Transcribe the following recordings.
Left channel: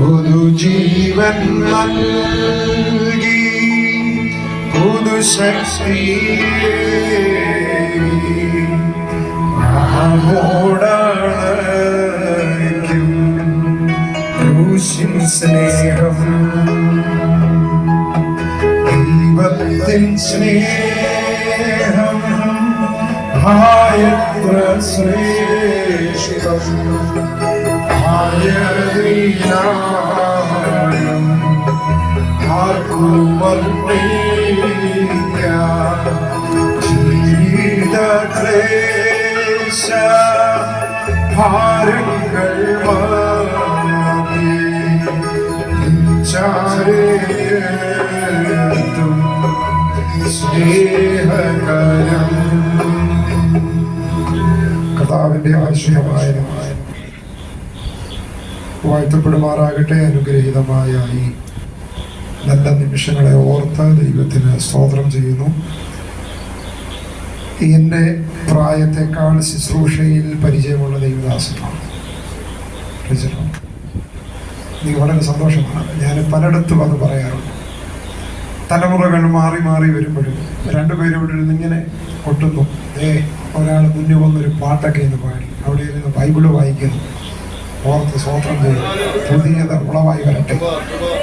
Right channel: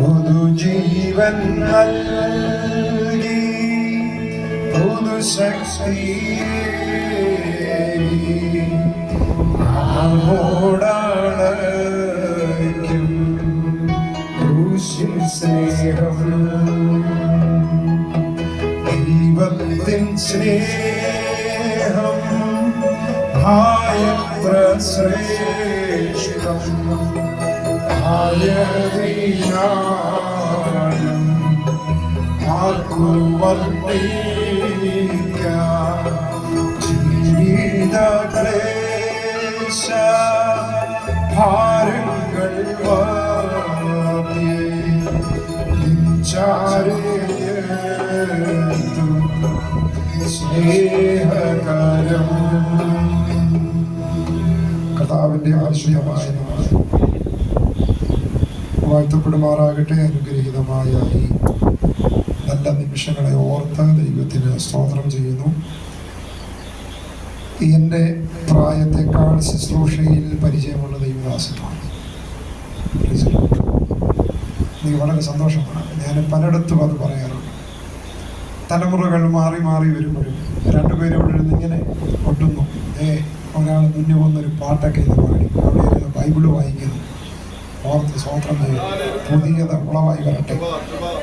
പുതുജീവൻ നൽകി പുതുശക്തി ആമോടണയ്ക്കും ക്രൂശിൻ സ്നേഹം ദൈവത്തിൻ സ്നേഹം ആയത്ര ശ്രേഷ്ഠം ആയതിനാലും ആർക്കും വർണ്ണിക്കാം ജീവിത ക്ലേശ ഭാരങ്ങൾ ചാരേത്തും സ്നേഹകരം. കർത്താവിന്റെ ആശ്രയമായ വാഴ്ത്തപ്പെടുമാറാകട്ടെ. അനുഗ്രഹീതമായ ഈ നല്ല നിമിഷങ്ങളെ ഓർത്ത് ദൈവത്തിന് സ്തോത്രം ചെയ്യുന്നു. എൻ്റെ പ്രായത്തെക്കാൾ ശുശ്രൂഷയിൽ പരിചയമുള്ള ദൈവദാസനാണ്. നീ വളരെ സന്തോഷമാണ്. ഞാൻ പലയിടത്തും അത് പറയാറുണ്ട്. തലമുറകൾ മാറി മാറി വരുമ്പോഴും രണ്ടുപേരും ഇവിടെ ഇരുന്ന് ഇങ്ങനെ ഒട്ടുന്നു. ഒരാൾ മുന്നേ വന്നൊരു പാട്ടൊക്കെ ഇത് പാടി, അവിടെ ഇരുന്ന് ബൈബിള് വായിക്കുന്നു. ഓർത്ത് സ്തോത്രം ചെയ്യും. പുതിയത് ഉളവായി വരട്ടെ,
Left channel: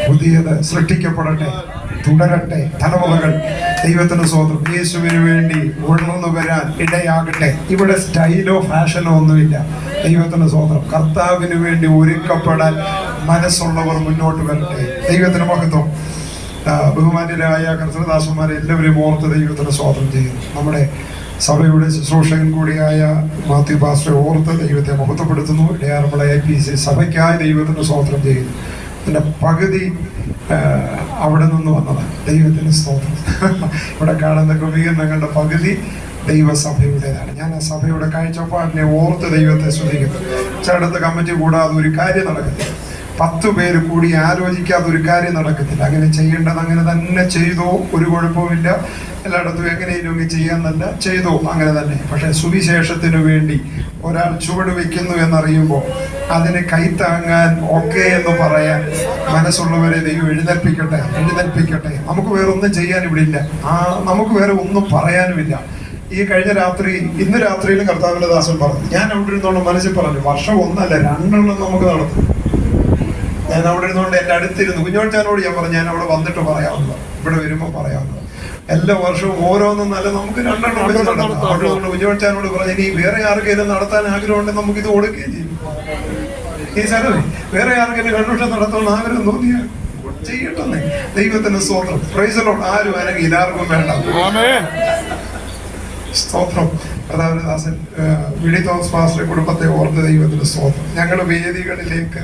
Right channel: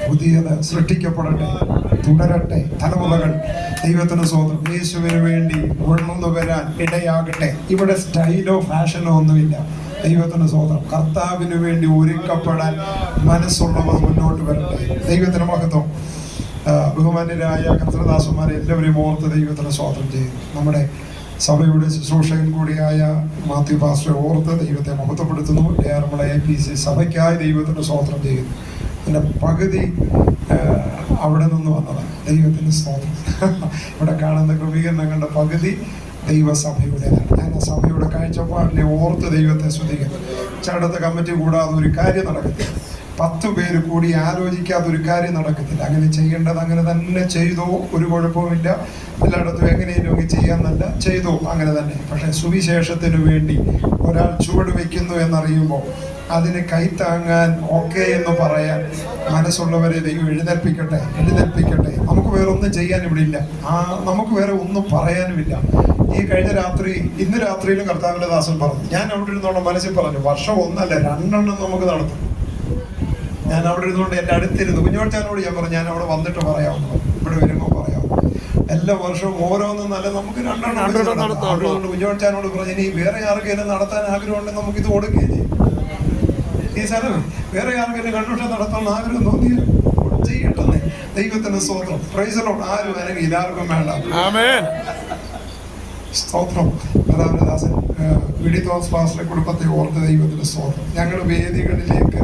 പുതിയത് സൃഷ്ടിക്കപ്പെടട്ടെ, തുടരട്ടെ. തലമുറകൾ ദൈവത്തിന് സ്തോത്രം യേശുവിന് വേണ്ടി ഉണർന്നു വരാൻ ഇടയാകട്ടെ. ഇവിടെ സ്റ്റൈലോ ഫാഷനോ ഒന്നുമില്ല. ദൈവത്തിന് സ്തോത്രം. കർത്താവിന് വേണ്ടി ഒരുക്കപ്പെടാൻ മനസ്സുള്ളവർ മുന്നോട്ട് വരട്ടെ. ദൈവത്തിന് മഹത്വം. ബഹുമാന്യരായ കർത്തൃദാസന്മാരെ എല്ലാവരെയും ഓർത്ത് ദൈവത്തിന് സ്തോത്രം ചെയ്യുന്നു. നമ്മുടെ സഭയുടെ ശുശ്രൂഷകൻ കൂടിയായ മാത്യു പാസ്റ്ററെ ഓർത്ത് ദൈവത്തെ മഹത്വപ്പെടുത്തുന്നു. ഇടയാറുമുള്ള APC സഭയ്ക്കായി ദൈവത്തിന് സ്തോത്രം ചെയ്യുന്നു. അതിൻ്റെ പകുതി അവിടെ നിന്ന് വന്നതാണ്. ദൈവത്തിന് സ്തോത്രം. ഇവിടെ കാണുന്ന ക്രമീകരണങ്ങളുടെ പകുതി ദൈവസഭയുടേതാണ്. ഞാൻ ആ സഭയുടെ കാഴ്ചപ്പാടിനെ ഓർത്ത് ദൈവത്തെ സ്തുതിക്കുന്നു. ചിലയിടത്ത് കമ്മിറ്റി കൂടാതെ ഒരു കാര്യം നടക്കത്തില്ല. 10 പേര് കൂടി ആലോചിക്കാതെ ഒരു കാര്യം നടക്കത്തില്ല. അങ്ങനെ ചെയ്യേണ്ടത് അങ്ങനെ തന്നെ ചെയ്തോ, ഒരു കുഴപ്പമില്ല. എല്ലായിടത്തും എങ്ങനെയും ചെയ്യാന്നല്ല, ചെയ്തോ അങ്ങനെ തന്നെ. പക്ഷെ സുവിശേഷത്തിന് വേണ്ടി ഒരാൾ ചുവട് വയ്ക്കുന്നു എന്നറിയുമ്പോൾ അതിന് കൈത്താങ്ങാൻ ഒക്കെ എന്ന് പറയാൻ മനസ്സുള്ളവരെ ദൈവം എഴുന്നേൽപ്പിക്കട്ടെ. നമുക്ക് വേറെ ഒന്നും ചെയ്യാൻ ഇവിടെ ഇല്ല. നമുക്ക് വേറെ ഒന്നും പറയാനുമില്ല. ഈ കഴിഞ്ഞ രാത്രി, ഇന്ന് രാത്രിയിലും കർത്താവിന്റെ ദാസൻ പറഞ്ഞു, ഞാൻ അവിടെ ഇരുന്നോണ്ട് മനസ്സിൽ പറഞ്ഞു, വർഷം 1 അല്ല 2 നമുക്ക് നടത്തും. ഞാൻ അവിടെ ഇരുന്നുകൊണ്ട് എൻ്റെ അടുത്തിരുന്നു കുഞ്ഞോച്ചാനോട് ഞാൻ പറഞ്ഞു, ഞാൻ അവിടെ വന്നിട്ട് പറയാവുന്നു, ഇവിടെ വരുമ്പോൾ പറയാവുന്നു. എല്ലാ വർഷവും ഓരോന്നും നല്ല നമുക്ക് 2 വെച്ച് നടത്താം. അവിടെ കുഞ്ഞോച്ചാനോട് പറഞ്ഞു, ഇനി വേറെ ആർക്കെങ്കിലും നടത്താൻ ആഗ്രഹമുണ്ടെങ്കിൽ നമുക്ക് ഇത് കൊടുക്കുകയും ചെയ്യും. ഈ സ്ഥലമേ വേറെ ആർക്കെങ്കിലും കൺവെൻഷൻ നടത്താൻ ആഗ്രഹം തോന്നിയാൽ ചെയ്യട്ടെ. ദൈവത്തിന് സ്തോത്രം. Praise the Lord. ആരും ആരെങ്കിലും ആർക്കും വേണ്ട. സ്തോത്രം. കർത്താവിന്റെ ദാസൻ വിളി തോമസ് പാസ്റ്ററുടെ കുടുംബത്തെ ഓർത്ത് ദൈവത്തിന് സ്തോത്രം. ഞങ്ങളുടെ വേദികളിലേക്ക്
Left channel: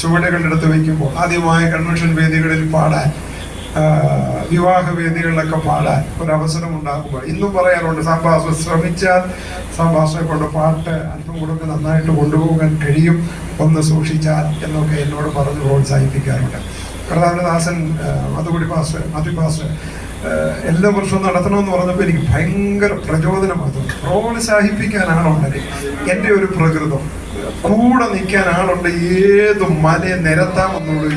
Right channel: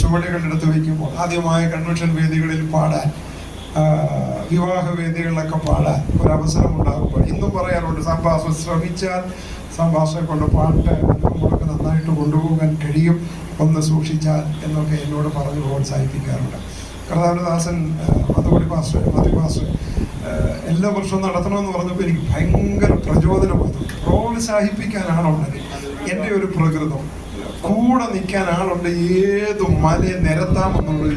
ചുവടുകളെടുത്ത് വയ്ക്കുമ്പോൾ ആദ്യമായ കൺവെൻഷൻ വേദികളിൽ പാടാൻ, വിവാഹ വേദികളിലൊക്കെ പാടാൻ ഒരവസരം ഉണ്ടാകുമ്പോൾ ഇന്നും പറയാറുണ്ട്, സംഭാഷണം ശ്രമിച്ചാൽ സംഭാഷണെ കൊണ്ട് പാട്ട് അല്പം കൂടെ നന്നായിട്ട് കൊണ്ടുപോകാൻ കഴിയും, ഒന്ന് സൂക്ഷിച്ചാൽ എന്നൊക്കെ എന്നോട് പറഞ്ഞ് പ്രോത്സാഹിപ്പിക്കാറുണ്ട്. കർത്താവിന്റെ ദാസൻ അതുകൂടി പാസ്റ്റർ എല്ലാ വർഷവും നടത്തണമെന്ന് പറഞ്ഞപ്പോൾ എനിക്ക് ഭയങ്കര പ്രചോദനം വന്നു. പ്രോത്സാഹിപ്പിക്കാൻ ആളുണ്ട്. എൻ്റെ ഒരു പ്രകൃതം കൂടെ നിൽക്കാൻ ആളുണ്ട്. ഏത് മലയെ നിരത്താമെന്നുള്ളൂ.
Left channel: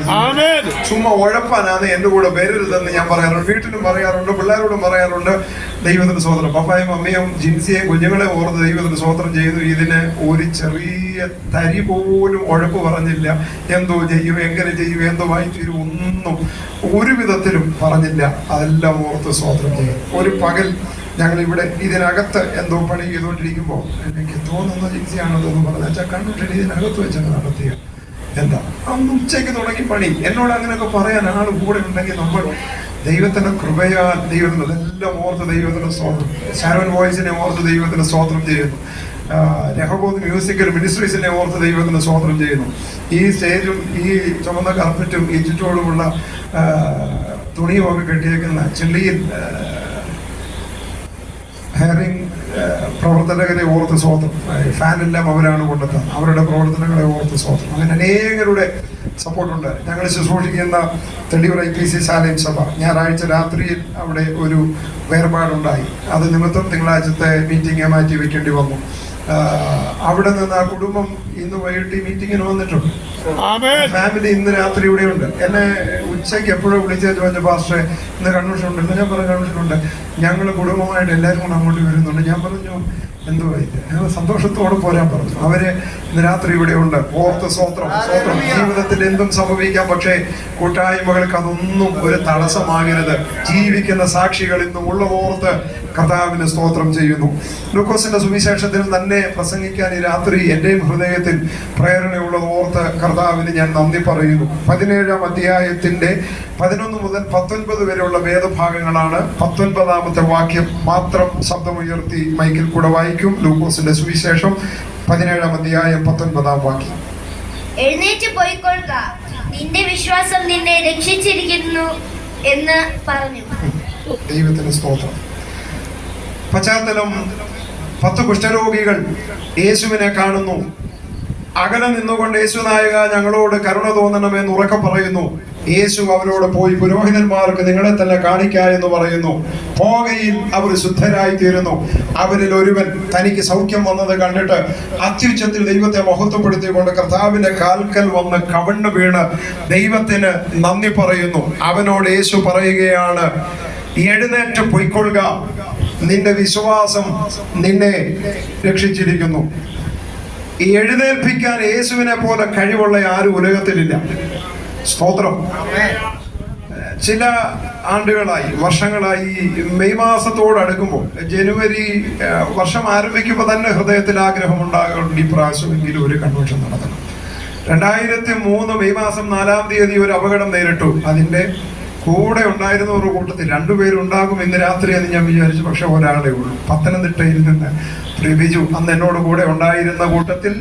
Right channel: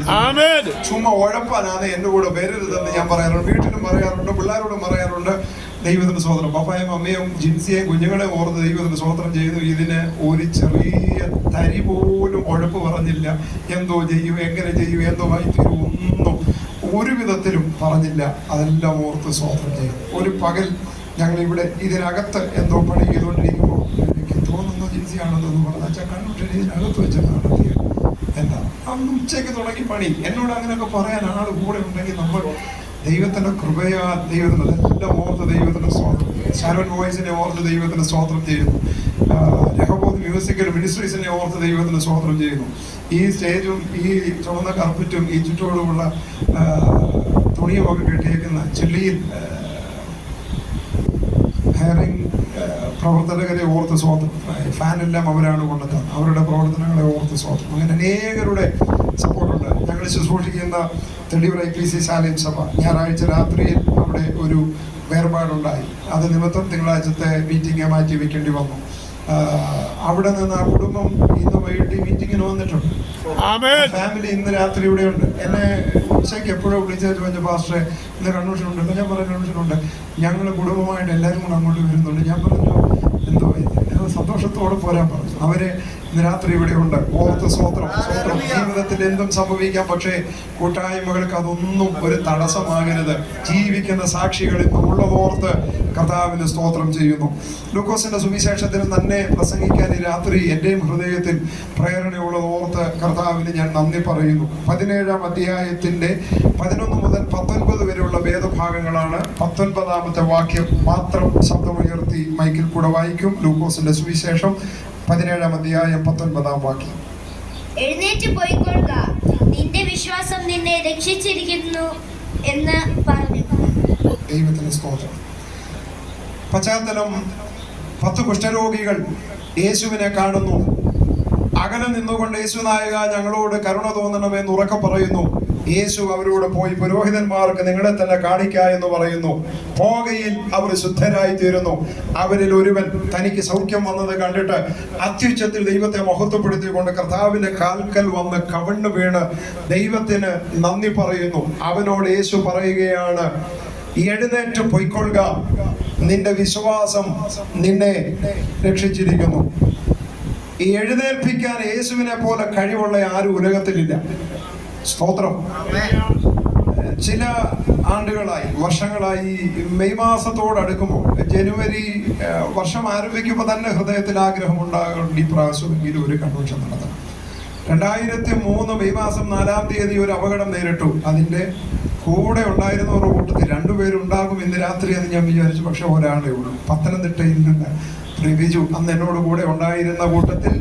ചുമ്മാ ഉഴപ്പാനാണ് എൻ്റെ കൂടെ വരരുതെന്ന് ഞാൻ പറയാറുണ്ട്. വീട്ടിലും പറയാറുണ്ട്, പിള്ളേരോടും പറയാറുണ്ട്. ദൈവത്തിന് സ്തോത്രം. പപ്പായും അമ്മയും ജിൻസിയെയും കുഞ്ഞുങ്ങളെ ഓർത്ത് ദൈവത്തിന് സ്തോത്രം ചെയ്യുന്നു. ഇതിന് ഒരു ചെറിയ തരി പോലും ഉഴപ്പ് പറഞ്ഞില്ല. എന്തോ ചെയ്യും, എങ്ങനെ ചെയ്യും, എന്തോ വായിച്ചു, ഒന്നും ഒരു വിധത്തിലും പറഞ്ഞില്ല. അതെല്ലാം ഓർത്ത് സ്തോത്രം ചെയ്യും. ഒരു പകൽ ഞങ്ങളിവിടെ ഇതിനകത്ത് എന്തോ പണി ചെയ്തുകൊണ്ടിരിക്കുമ്പോൾ എനിക്ക് തോന്നുന്ന ജിൻസിയാണെന്ന് പറഞ്ഞാൽ കണ്ടിട്ട് ഇതിനകത്ത് വെച്ചാണ് നടത്തിയ എന്താ അന്ന് ഉച്ചയ്ക്ക് തുടങ്ങി പണി. എന്നോട് അങ്ങനെയൊക്കെ പറയാൻ ആൾ കൂടെ ഉണ്ടെങ്കിൽ നമ്മൾ ദൈവത്തിന്റെ കൃപയാൽ ദൈവത്തിന് എല്ലാം ഓർത്ത് ദൈവത്തിന് സ്തോത്രം. ഷാരോൺ വോയിസിനെ ഓർത്ത് ദൈവത്തിന് സ്തോത്രം ചെയ്യുന്നു. രഹബോത്ത് മ്യൂസിക്കൽ മിനിസ്ട്രീസിനെ ഓർത്ത് ദൈവത്തിന് സ്തോത്രം ചെയ്യുന്നു. ഈ സ്റ്റേജും ഈ ചുമന്ന കാർപ്പറ്റും ഈ ചുറ്റോടുമുള്ള തുണിയും ഒക്കെ കെട്ടിയേക്കുന്ന ചെള്ളിയിൽ ഹെയറിംഗ് പ്രവർത്തകരെ ഓർത്ത് സ്തോത്രം. ഫാനെല്ലാം അവരാണ് കൊണ്ടെത്തുന്നത്. അവരുടെ പ്രവർത്തനങ്ങളെ ഓർത്ത് സ്തോത്രം. അങ്ങനെ അനേകരുടെ സപ്പോർട്ടുണ്ട്. ഞങ്ങൾ ശുശ്രൂഷിക്കുന്ന തെളിയൂർ IPC ശാലയം സഭ ഞായറാഴ്ച രാത്രിയിൽ അവിടെ ഒരു വേർപാടുണ്ടായി. അത് നിമിത്തം തിങ്കളാഴ്ചത്തെ മീറ്റിംഗ് മാറ്റി വെക്കേണ്ടി വന്നു. അവിടെ നിന്ന് ആ കുടുംബം ഇന്ന് വൈകിട്ട് മീറ്റിങ്ങിന് വന്നിട്ടുണ്ട്. ഫാമിലി ഇന്ന് രാത്രി ഇവിടെ ഉണ്ട്. എന്നെ ഉച്ചയ്ക്ക് എപ്പോഴും വിളിച്ചു പറഞ്ഞ പാസ്റ്ററെ ഇന്ന് കൺവെൻഷൻ ഉണ്ടല്ലോ. ഞാൻ പറഞ്ഞ കൺവെൻഷൻ ഉണ്ട്, ഞങ്ങൾ കുടുംബമായിട്ട് എല്ലാവരും കൂടെ അങ്ങോട്ട് വരുന്നുണ്ട്. ഞാൻ പറഞ്ഞു എന്തോ ഞങ്ങൾ സന്തോഷത്തോടെ പോരാൻ പറഞ്ഞു. അവര് ഇന്ന് രാത്രി ഇവിടെ ഉണ്ട്. ഓർത്ത് സ്വോത്രം സ്വോത്രം. ജീവിതത്തിൽ എന്തും സംഭവിക്കാം, പക്ഷേ കൂട്ടായ്മകൾക്ക് അതൊന്നും ഒരു തടസ്സമാകരുത്. ജീവിക്കുന്ന സാക്ഷികൾ ഇന്നുമുള്ള ഓർത്ത് കർത്താവിന് സ്തോത്രം ചെയ്യുന്നു. ലൂക്കോസിന്റെ സുവിശേഷത്തിൽ തന്നെ പ്രസംഗിക്കാൻ ഈ രാത്രി എന്റെയും ഹൃദയത്തിൽ പ്രേരണയുള്ളത് ഓർത്ത് കർത്താവിന് ഞാൻ നന്ദി പറയുന്നു. 17-ാം അധ്യായത്തിന്റെ 11 മുതൽ 19 വരെയുള്ള വേദഭാഗങ്ങളാണ്. 19-ാമത്തെ വാക്യം മാത്രം ശബ്ദമുയർത്തി മൈക്കിൽ കൂടെ വായിക്കും. ലൂക്കോസിന്റെ സുവിശേഷം 17-ാം അധ്യായം 19-ാം വാക്യം. എഴുന്നേറ്റ് പോയിക്കൊള്ളുക, നിന്റെ വിശ്വാസം നിന്നെ രക്ഷിച്ചിരിക്കുന്നു എന്ന് പറഞ്ഞു. ദൈവത്തിന് സ്തോത്രം. പശ്ചാത്തലം 10 കുഷ്ഠരോഗികൾ യേശുവിനെ കാണുന്നു. അകലെ നിന്നുകൊണ്ട് യേശു നായക ഞങ്ങളോട് കരുണ തോന്നണമെന്ന് ഉറക്കെ പറയുന്നു. യേശു അവരോട് പോയി പുരോഹിതന്മാർക്ക് നിങ്ങളെ തന്നെ കാണിക്ക എന്ന് പറയുന്നു. പോകയിൽ അവർ ശുദ്ധരായി തീരുന്നു. അവരിൽ ഒരുവൻ തനിക്ക് സൗഖ്യം വന്നത് കണ്ടിട്ട് അത്യുച്ചത്തിൽ ദൈവത്തെ മഹത്വപ്പെടുത്തിക്കൊണ്ട് കർത്താവിന്റെ കാൽക്കൽ വന്ന് കവിണ്ണു വീണ് ദൈവത്തിന് നന്ദി പറയുന്നു. അവനോട് യേശു പറയുകയാണ്, എഴുന്നേറ്റ് പൊയ്ക്കൊള്ളുക, നിന്റെ വിശ്വാസം നിന്നെ രക്ഷിച്ചിരിക്കുന്നു. ഈ എഴുന്നേൽപ്പിക്കാൻ യേശുവിനെ പോലെ കഴിവുള്ള ആരും ഉലകത്തിലില്ല. സ്തോത്രം. ചില ആണ്ടുകളായി, വർഷങ്ങളായി മെയ് മാസത്തോടടുക്കുമ്പോൾ, ജനുവരി വർഷം ആരംഭിക്കുമ്പോൾ തന്നെ ഹൃദയത്തിൽ ആഗ്രഹം ഉണ്ടാകുന്നുണ്ട്, ഈ പ്രാവശ്യമെങ്കിലും ഒരു കൺവെൻഷൻ നടത്തണം. 2003 മെയ് മാസം 4-ാം തീയതി ഒരു അപകടം നേരിട്ടു. അതിന്റെ കൂടെ ഉണ്ടായിരുന്നവരുടെ കൂട്ടത്തിൽ 2 പേരുണ്ടാകും ഇന്ന് രാത്രി എന്ന് ഞാൻ വിചാരിച്ചു. പക്ഷെ ഒരാളേ ഉള്ളൂ. പത്തനംതിട്ടയിൽ നിന്ന് ബിജു അന്ന് എന്നോട് കൂടെ ഉണ്ടായിരുന്ന കൂട്ടത്തിൽ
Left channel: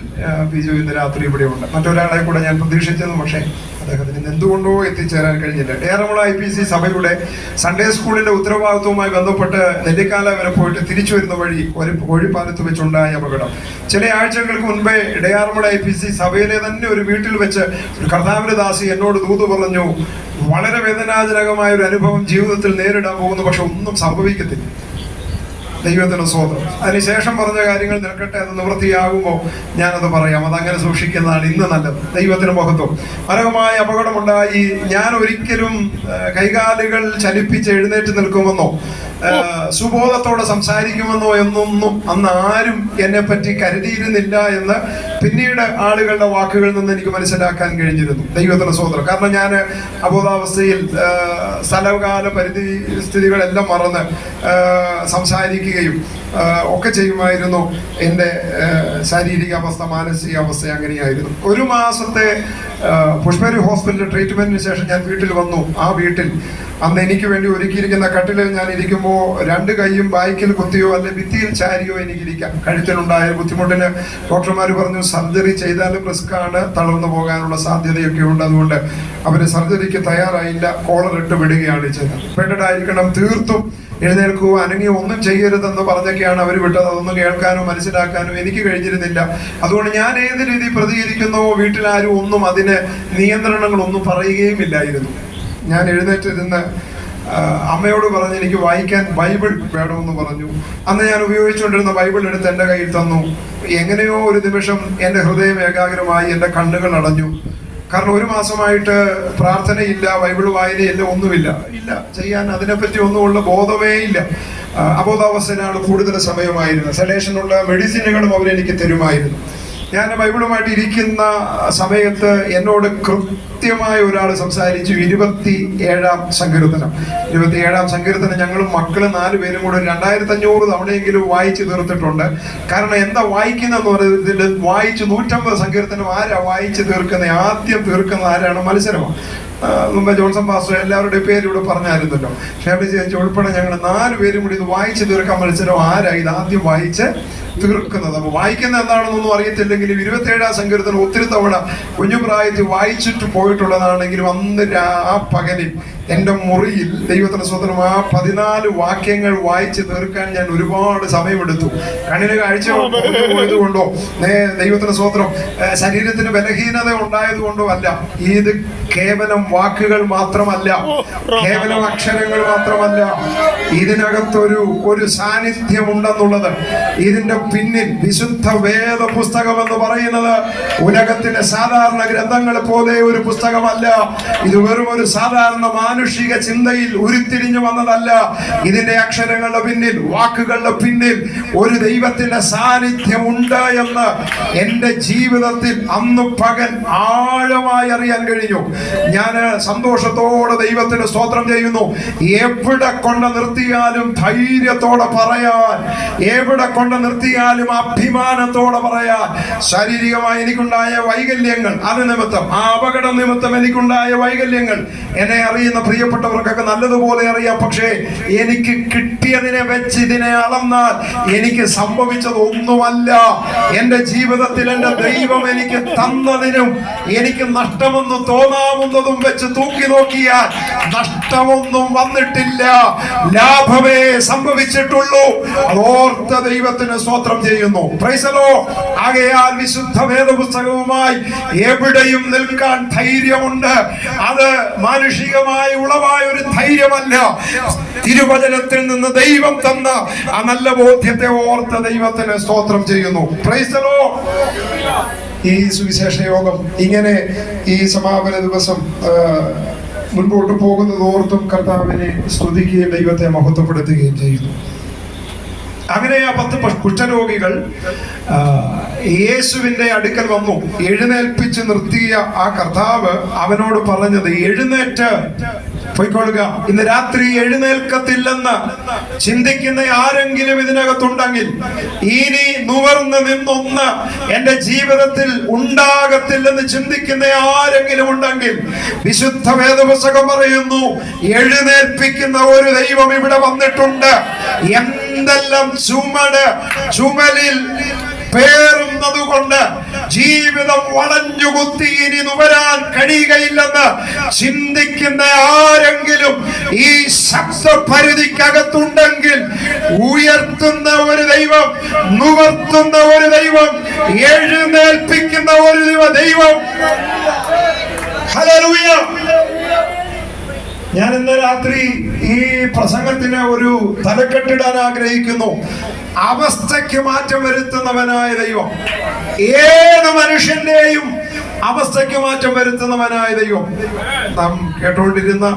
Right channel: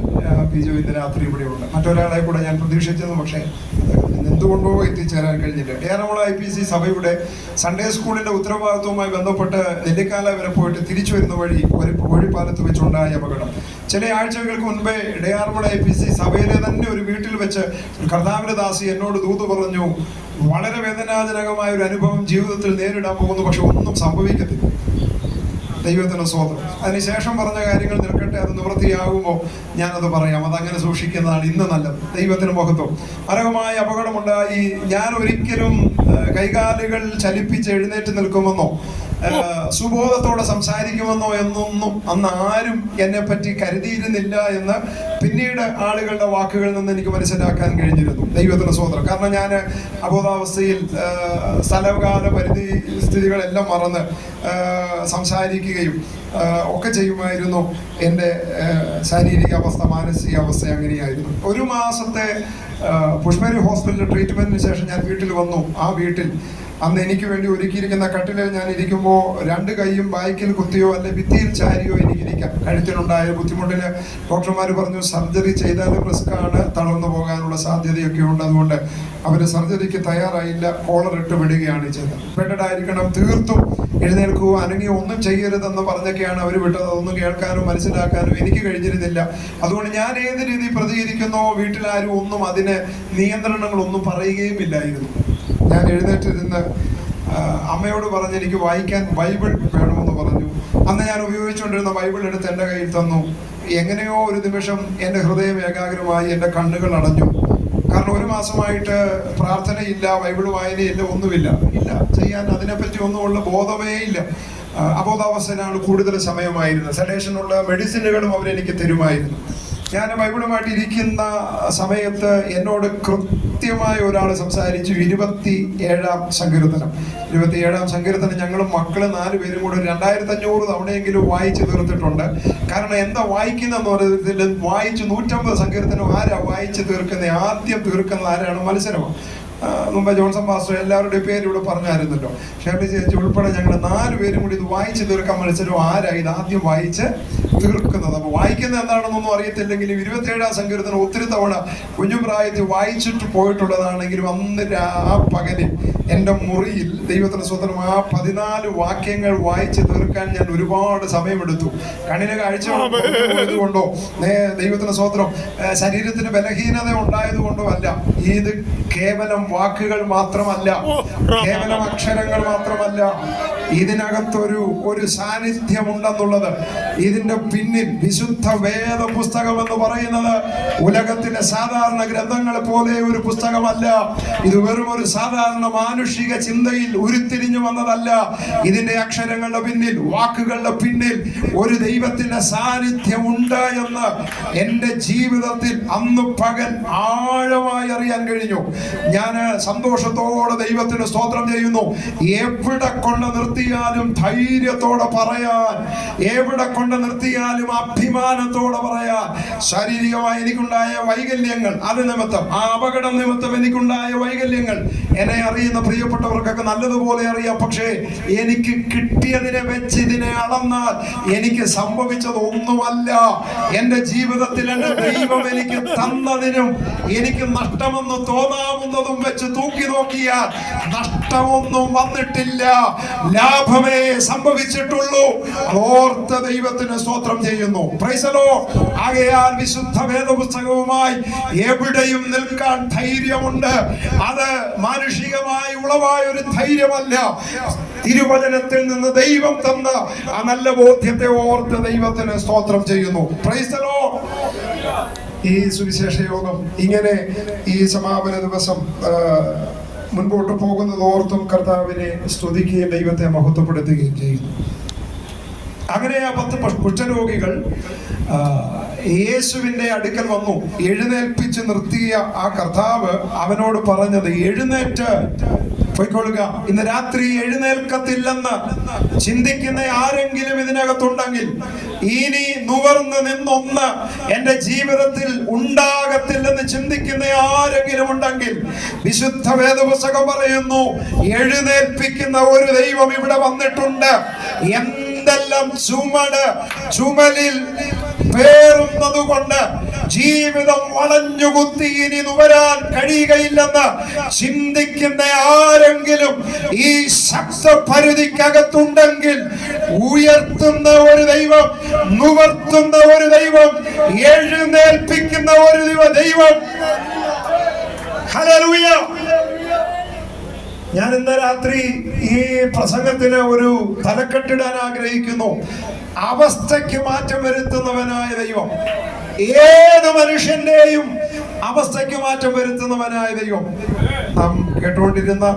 ബിജു ഇന്ന് രാത്രി ഇവിടെ ഉണ്ട്. മറ്റൊരാളെ കൂടെ ഞാൻ പ്രതീക്ഷിച്ചിരുന്നു, പക്ഷേ അദ്ദേഹത്തിന് എന്തുകൊണ്ടോ എത്തിച്ചേരാൻ കഴിഞ്ഞില്ല. ഡേറമുള IPC സഭയുടെ സൺഡേ സ്കൂളിന്റെ ഉത്തരവാദിത്വവുമായി ബന്ധപ്പെട്ട് നെല്ലിക്കാല വരെ പോയിട്ട് തിരിച്ചു വരുന്ന വഴി ഒരു കോഴിപ്പാലത്ത് വെച്ചുണ്ടായ അപകടം. ചില ആഴ്ചകൾക്ക് മുൻപേ ഡേറമുള IPC സഭയിലെ തന്നെ ഒരു വീട്ടിൽ വെച്ച് ഒരു കർത്താവിന്റെ ദാസി എന്നോട് ദൂത് പറഞ്ഞു, വളരെ വേദനാജനകമായ ഒരു അനുഭവം ജീവിതത്തിൽ നേരിടാൻ പോകുന്നു, പക്ഷെ ഒന്നും സംഭവിക്കത്തില്ല. ദൈവത്തിന് സ്തോത്രം. അതിനുശേഷം പറഞ്ഞ കാര്യങ്ങൾ നിൽക്കട്ടെ, അത് നിവൃത്തിയാകുമോ ഞാനത് പറയാം. അതങ്ങനെ സൂക്ഷിക്കുന്നതാണ് ഇന്ന് നല്ലത്. ദൈവത്തിന് മഹത്വം. മനോഹരമായ അപകടമുണ്ടായി. ഞാൻ ഒരിക്കലും കൈകാലുകൾ ചലിപ്പിച്ച് എഴുന്നേറ്റ് നിൽക്കുമെന്നോ സുബോധത്തോടെ സംസാരിക്കുമെന്നോ എന്നൊന്നും അന്ന് ആരും എന്നെ പറ്റി കരുതിയിരുന്നില്ല എന്ന് പിന്നീട് ആളുകളുടെ വാക്കുകളിൽ നിന്ന് എനിക്ക് മനസ്സിലാക്കാൻ കഴിഞ്ഞിരുന്നു. ദൈവത്തിന് സ്തോത്രം. കാരണം ഞാൻ അബോധാവസ്ഥയിൽ സ്ഥലകാല പരിധി സ്ഥിതികളെല്ലാം മറന്ന് സംസാരിക്കുകയും ഒക്കെ ചെയ്യുമായിരുന്നു. എൻ്റെ ശാരീരിക അവസ്ഥ, മാനസികാവസ്ഥ അങ്ങനെയായിരുന്നു. 1 മാസത്തെ പുഷ്പരി ഹോസ്പിറ്റലിൽ ട്രീറ്റ്മെന്റിന് ശേഷം ഞാൻ വീട്ടിൽ വന്നു. ആ വീട്ടിൽ അന്ന് എനിക്ക് വേണ്ടി ഒരുക്കിയിരിക്കുന്ന കട്ടിലിൽ ഞാൻ ഇരിക്കുമ്പോൾ 2 കൈയും ബാക്കിൽ കുത്തിയോ അല്ലെ ഭിത്തിയിൽ ചാരിയോ എനിക്കിരിക്കാം. കഴുത്തിലുണ്ടായ ബുദ്ധിമുട്ടിന് ഡോക്ടർമാർ പറഞ്ഞു സർജറി ചെയ്താലും റിസ്ക് ആണ്, തളർന്നു പോകാനുള്ള സാധ്യതയൊക്കെ ഉണ്ട്. അതുകൊണ്ട് അവര് സർജറിക്ക് തയ്യാറായില്ല, കോളർ ഇട്ട് വിടുകയാണ് ചെയ്തത്. ബെഡഡായിരിക്കണം, തീർത്തും എഴുന്നേൽക്കുകയോ അനങ്ങിയോ ഒന്നും ചെയ്യരുതെന്ന് പറഞ്ഞൊക്കെയാണ് അവർ വിട്ടത്. അതൊന്നും കേൾക്കാനോ മനസ്സിലാക്കാനോ എനിക്ക് കഴിഞ്ഞിരുന്നില്ല. അതുകൊണ്ട് ഞാൻ ഏത് രീതി പ്രതികരിക്കുന്നോ വീട്ടിലാരും ഒന്നും അതിന് നിയന്ത്രണങ്ങളൊന്നും പറയുകയും ഇല്ലായിരുന്നു. ഞാൻ എഴുന്നേറ്റിരുന്ന് അമ്മയോട് പറഞ്ഞ് എനിക്ക് വായിക്കാൻ ബൈബിൾ വേണമെന്ന് പറഞ്ഞു. അന്ന് ഞാൻ ഉപയോഗിച്ചുകൊണ്ടിരുന്ന ബൈബിൾ എടുത്ത് എൻ്റെ കയ്യിൽ തന്നു. എങ്ങനെയോ ഒരു നിമിഷം എൻ്റെ ഹൃദയം ഏകാഗ്രമായി, എൻ്റെ കണ്ണുകൾ അടഞ്ഞു. കാരണം 1 മാസമായിട്ട് പ്രാർത്ഥനയില്ല, ബൈബിൾ വായനയില്ല, ഒന്നുമില്ല, ചെയ്യാൻ അതിനെപ്പറ്റി ഒന്നുമുള്ള ബോധമേ ഇല്ല. അബോധാവസ്ഥയിലാണ് കൂടുതൽ സമയമായിരുന്നത്. സെഡേഷനുള്ള മെഡിസിനുകളും അവരെനിക്ക് തരുമായിരുന്നു. ഞാൻ ബൈബിളുമായിട്ട് ഇരിക്കുന്ന സമയത്ത് എന്നോട് കൃത്യമായ ഒരാൾ സംസാരിച്ചു. 27-ാം സങ്കീർത്തനം. 27-ാം സങ്കീർത്തനം ഞങ്ങളും മക്കള് 4 പേരും കൂടെ 2500 തവണയെങ്കിലും വായിച്ചു തീർത്തിട്ടുണ്ട്. കാരണം എന്താ വായിക്കുന്നതെന്ന് പറയുന്നത്, വായിച്ച് 150 സങ്കീർത്തനം ആരാ വായിച്ചു തീർക്കുന്നത്, ആദ്യം തീർക്കുന്നത് ആരാണ്? മത്സരമാണ്. മുമ്പ് ജോൺസൺ പാസ്റ്റർ എല്ലാവരുടെയും പേര് ഇവിടെ പറഞ്ഞായിരുന്നല്ലോ. ഷാബി ചേച്ചി ഉൾപ്പെടെ ഞങ്ങൾ 4 പേരും കൂടി ഇത് വായിച്ചു തീർക്കാൻ മത്സരം ആരാ ഇത് ആദ്യം വായിച്ച് തീർക്കുന്നത്. അപ്പൊ വായിക്കുന്നത് എന്താണെന്നൊന്നും അറിയത്തില്ലെങ്കിലും 27-ാം സങ്കീർത്തനം ഒത്തിരി തവണ കുഞ്ഞുപ്രായത്തിൽ വായിച്ചിട്ട് പോയിട്ടുള്ളതാണെങ്കിലും അന്ന് ആ പകലിൽ എൻ്റെ മുറിയിൽ ദൈവത്തിന് സ്വതന്ത്രം ആ 14 വാക്യങ്ങൾ വായിച്ച് തീർക്കാൻ ഞാൻ ഒരുപാട് സമയമെടുത്തു. കണ്ണിന് കാഴ്ച പോയത് കൊണ്ടോ ദൈവത്തിന് സ്വതന്ത്രം ശരീരത്തിന് ബലഹീനത ഉണ്ടായത് കൊണ്ടോ അല്ല, ഇത് കേവലം വാക്കുകൾ മാത്രമല്ല, കേവലം അക്ഷരങ്ങൾ മാത്രമല്ല, ഇതിനകത്തൊരു സാന്നിധ്യമുണ്ടെന്നുള്ളത്. ഇതിന്റെ പിന്നിൽ വിശുദ്ധ വേദ പുസ്തകം എന്ന് പറയുന്നത് ഉലകത്തിലെ സാധാരണ ഗ്രന്ഥങ്ങൾ പോലെ ഒരു പുസ്തകമല്ല. ഇത് വെറും ഒരു സാധാരണ മാനുഷിക ചിന്തയിൽ ഉരുത്തിരിഞ്ഞു വന്നതല്ല. ഇതിന്റെ അക്ഷരങ്ങളുടെ പിന്നിൽ, വാക്കുകളുടെ പിന്നിൽ ഒരു ദൈവത്തിന്റെ സാന്നിധ്യമുണ്ട് എന്ന് എന്റെ ജീവിതത്തിൽ അന്ന് പകൽ ആഴമായി അറിയാൻ കഴിഞ്ഞു. ഞാൻ സന്തോഷത്തോടെ ദൈവത്തിന് സ്തോത്രം ചെയ്യുന്നു. എവിടെ കൊണ്ട് നിർത്തിയാലും ധൈര്യത്തോടെ പറയാൻ, എവിടെ കൊണ്ട് നിർത്തിയാലും അഭിമാനത്തോടെ പറയാൻ. ശാരീരികമായി എനിക്കുണ്ടായ വൈകല്യങ്ങൾ, അത് നിമിത്തം, ആ അപകടം നിമിത്തം എനിക്കുണ്ടായ വൈകല്യങ്ങൾ എന്നെ അറിയുന്ന പ്രിയപ്പെട്ടവർക്കൊക്കെ നല്ലതുപോലെ അറിയാം. പക്ഷേ എനിക്ക് കിട്ടിയതിനെ വെച്ച് ഇതിനെ അളന്നാൽ എനിക്ക് സംഭവിച്ചത് ഒന്നുമല്ല. എന്റെ ജീവിതത്തിൽ എന്റെ ദൈവം എനിക്ക് തന്നതിനും എനിക്ക് നഷ്ടമെന്ന് തോന്നാവുന്നതും വെച്ച് തൂക്കി നോക്കിയാൽ നഷ്ടമൊന്നും വന്നിട്ടില്ല, ലാഭമേ സംഭവിച്ചിട്ടുള്ളൂ. അതോർത്ത ദൈവത്തിന് സ്തോത്രം ചെയ്യുന്നു. Praise the Lord. ആകയാൽ വിശുദ്ധ വേദപുസ്തകവുമായി എവിടെയും നിൽക്കാൻ ധൈര്യമുണ്ട്. അത് മാനുഷികമായി ഉളവായ ഒരു ധൈര്യമല്ല, തിരുവചനത്തിൽ നിന്ന് ദൈവം തന്ന ആ നല്ല ബോധ്യത്തെ ഓർത്ത് ദൈവത്തിന് സ്തോത്രം ചെയ്യുന്നു. Praise the Lord. ഈ സുവിശേഷ യോഗം ഇങ്ങനെ ഈ സമാപന ദിവസം മുൻപോട്ട് പോകുന്നത് ഓർത്തും കർത്താവിനെ സ്തുതിക്കുകയും ദൈവത്തെ മഹത്വപ്പെടുത്തുകയും ചെയ്യുന്നു. അങ്ങനെ ആ 10 കുഷ്ഠരോഗികൾ യേശുവിന്റെ അടുക്കൽ വന്നു. എഴുന്നേൽപ്പിച്ച് നിർത്തിയ ആ കർത്താവ് അവനോട് പറഞ്ഞത്, എഴുന്നേറ്റ് പോയിക്കൊള്ളുക, ഇന്ന് രാത്രി എഴുന്നേൽക്കത്തില്ലെന്ന് ചിന്തിക്കുന്ന ആരെങ്കിലും ഇതിനകത്തുണ്ടെങ്കിൽ, ഇനി നുവർന്ന് നിന്നൊന്ന് എന്റെ ജീവിതത്തിൽ ഉണ്ടാകത്തില്ലെന്ന് ചിന്തിക്കുന്ന ആരെങ്കിലും ഉണ്ടെങ്കിൽ, വിശുദ്ധ വേദപുസ്തകം പറയുന്നു, എഴുന്നേൽപ്പിക്കുന്ന ഒരു ദൈവം ഇവിടെ വന്നിട്ടുണ്ട്. എന്തെല്ലാം ചുമലിൽ പേറുന്നത് കൊണ്ട് ജീവിതം വളഞ്ഞുകുത്തി ഇനി നുവരാൻ കഴിയുകയില്ലെന്ന് ചിന്തിക്കുന്ന ആരെങ്കിലും ഈ ശബ്ദപരിധിക്കകത്തുണ്ടെങ്കിൽ, ഉയർത്തുന്ന ഒരു ദൈവം, നുവർത്തുന്ന ഒരു ദൈവം, എഴുന്നേൽപ്പിക്കുന്ന ഒരു ദൈവം. ഹല്ലേലൂയ. ഞാൻ ഇന്ന് രാത്രി ഈ പ്രസംഗത്തിന് ഒരു തലക്കെട്ടിടാൻ ആഗ്രഹിക്കുന്നു. അവസ്ഥയ്ക്ക് മാറ്റം വരുത്തുന്നവനായ ദൈവം. ഏത് മനുഷ്യന്റെയും അവസ്ഥയ്ക്ക് മാറ്റം വരുത്തുന്നവനായ ദൈവം. നാം കേട്ടുകൊണ്ടിരുന്ന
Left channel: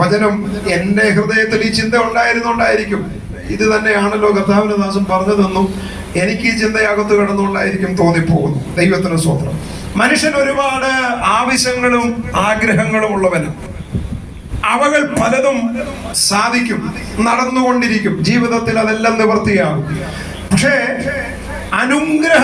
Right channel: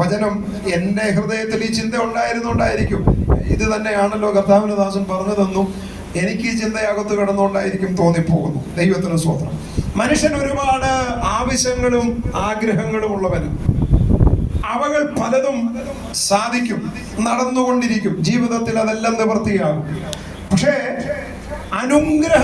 വചനം എന്റെ ഹൃദയത്തിൽ ഈ ചിന്ത ഉണ്ടായിരുന്നുണ്ടായിരിക്കും. ഇത് തന്നെയാണല്ലോ കർത്താവിന്റെ ദാസൻ പറഞ്ഞതെന്നും എനിക്ക് ഈ ചിന്തയകത്ത് കിടന്നുകൊണ്ടായിരിക്കും തോന്നിപ്പോകുന്നു. ദൈവത്തിന് സ്തോത്രം. മനുഷ്യൻ ഒരുപാട് ആവശ്യങ്ങളും ആഗ്രഹങ്ങളും ഉള്ളവനും. അവകൾ പലതും സാധിക്കും, നടന്നുകൊണ്ടിരിക്കും, ജീവിതത്തിൽ അതെല്ലാം നിവൃത്തിയാകും. പക്ഷേ അനുഗ്രഹം